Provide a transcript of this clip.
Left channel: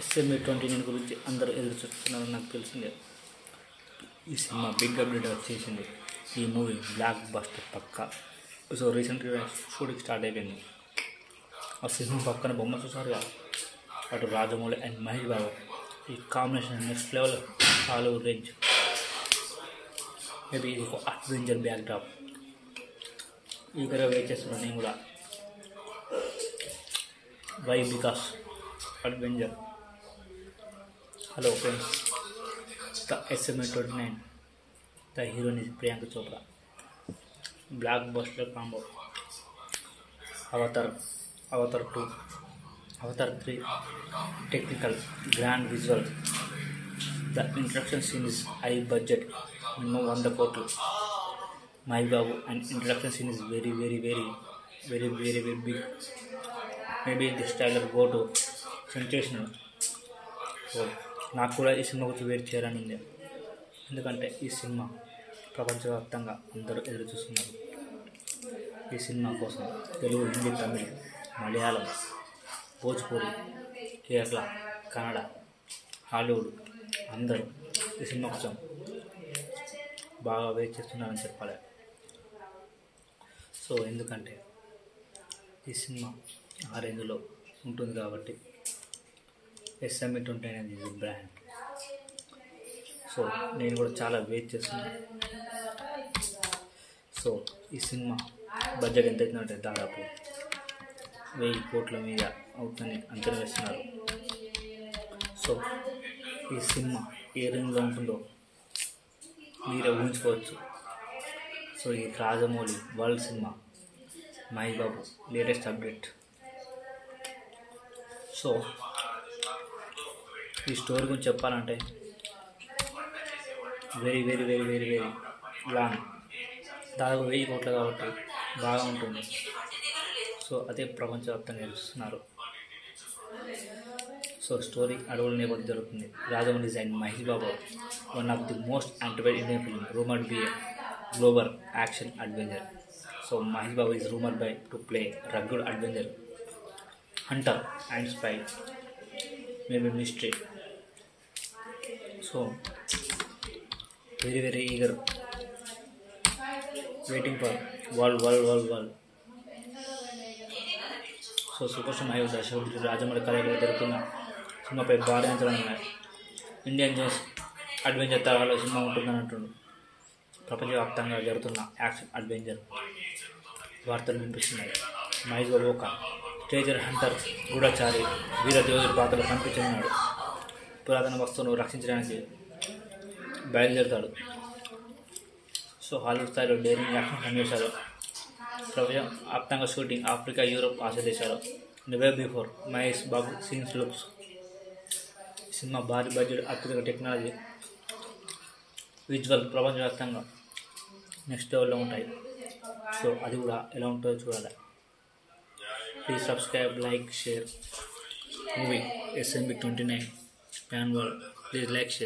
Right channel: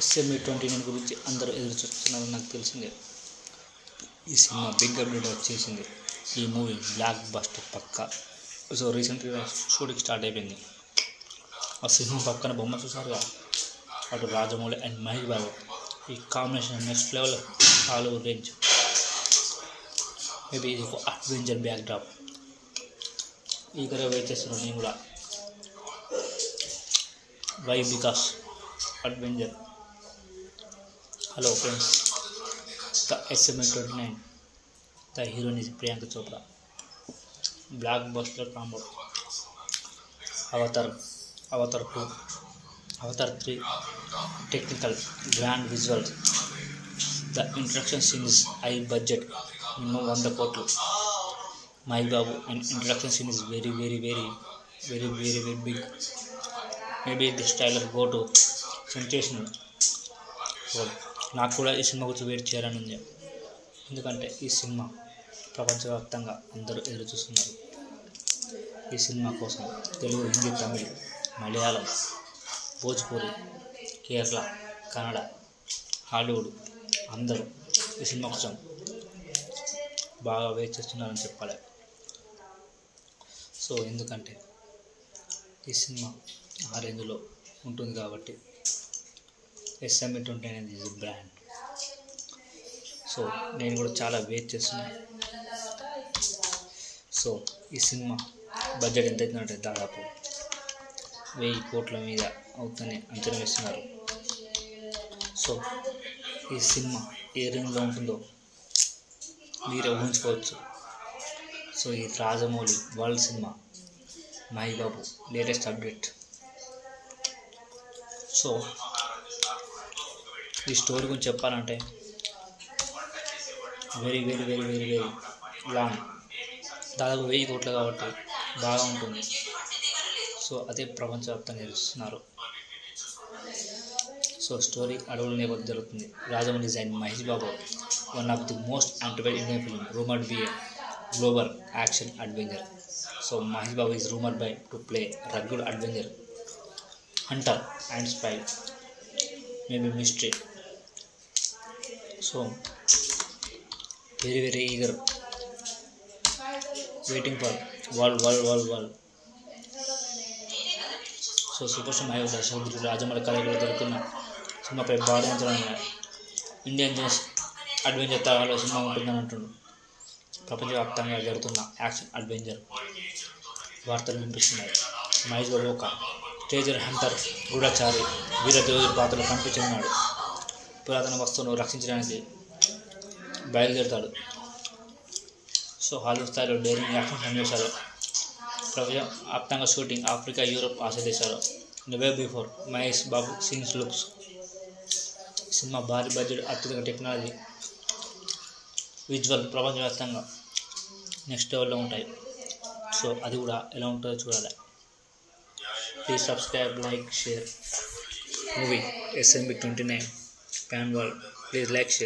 SME29 గురించి అందరూ ఎదురు చూస్తున్నారని నాకు తెలిసిందే. ఈ సినిమా బిగ్ అప్డేట్ వచ్చేసింది. ఈ మూవీ బ్లాక్ బస్టర్ పక్కా. సో రీసెంట్గా షూటింగ్ స్టార్ట్ అయిపోయింది. ఆ సినిమా పక్కన బొమ్మ చూసారుగా, అటు రాజమౌళి అండ్ మహేష్ బాబు. ఈ combination next level, Hollywood range. Maybe ఇది ఒక అడ్వెంచర్ బ్యాక్ డ్రాప్. ఈగర్గా వెయిట్ చేస్తున్నాను నేను కూడా. Why? Because adventure. Hello friends, the SME29. The heroine is Priyanka Chopra. Blockbuster combo. Avatar 2, Avatar 3, technical grand visual. The introduction scene is high budget, minimum 100 కోట్లు. Mahesh Babu and introduction scene is very big. Maybe this trailer go to sensational. So నాకు కూడా ఈ cinema గురించి wait చేయాలని ఉంది. ఎందుకంటే ఈ cinema ప్రపంచవ్యాప్తంగా అందరూ ఎదురు చూస్తున్నారు. ఈ సినిమా కోసం తెలుగు, హిందీ, తమిళ్, మలయాళం, భోజ్పూరి, కేరళ, కన్నడ, హాలీవుడ్ అందరూ ఈ సినిమా కోసం బాగా వెయిట్ చేస్తున్నారని చెప్పాలి. సో ఎందుకంటే ఈ సినిమా ఆ రేంజ్లో ఉంటుంది కాబట్టి SME29 అనేది ఈజ్ బ్రాండ్. సో నేను కూడా చాలా వెయిట్ చేస్తున్నాను. సో ఈ సినిమా బడ్జెట్ ఎంత అవుతుందంటే దాదాపు 1000 కోట్ల మీద అవుతుందని అంచనా వేస్తున్నారు. సో ఈ సినిమా ఏ రేంజ్లో ఉంటుందో మీరే ఊహించుకోవచ్చు. సో ఈ Rajamouli world cinema, Mahesh Babu latest update. So ఈ స్టోరీ గురించి చెప్పాలంటే వెరీ లాంగ్. దాదాపు 1000 కోట్లు కాబట్టి బాగా ఉంటుంది. సో అదే ప్రపంచవ్యాప్తంగా చూస్తున్నారు. సో స్టోరీ అడవుల నేపథ్యం జరుగుతుంది. Rajamouli design Mahesh Babu, one of the most anticipated Indian film, rumoured be a global action adventure. So Mahesh Babu is rumored by to play rugged adventure, hunter and spy, maybe mystery. So very eager, waiting for world. So super star Mahesh దర్శకుడు రాజమౌళి కళలో జరుగుతున్న సినిమాపై భారీ అంచనాలు ఉన్నాయి. Indian Jones adventure తరహాలో cinema ఉంటుందని అంటుండు. ప్రపంచవ్యాప్తంగా జరుగుతున్న యాక్షన్ అడ్వెంచర్ వార్తలు వినిపిస్తున్నాయి. మహేష్ బాబు ఒక ట్రెజర్ హంటర్, గూఢచారి, వీరదేవుడి పాత్రలో కనిపించున్నాడు. పురాతన వస్తువును రక్షించడానికి బయలుదేరుతాడు. సో హాలీవుడ్ స్థాయిలో డేరింగ్ యాక్షన్ సన్నివేశాలు. ప్రపంచవ్యాప్తంగా షూటింగ్ ఆఫ్రికా, యూరోప్, ఆసియా దేశాలు. Never before Mahesh Babu scenes looks. Cinema భారీ బడ్జెట్, అత్యధిక టెక్నాలజీ, విజువల్ ప్రపంచవ్యాప్తంగా నెక్స్ట్ లెవెల్లో ఉంటాయి. సో అది కూడా ఎలా ఉంటుందో చూడాలి. Please subscribe, like, share. Movie SME29 Pan World. Please like, share.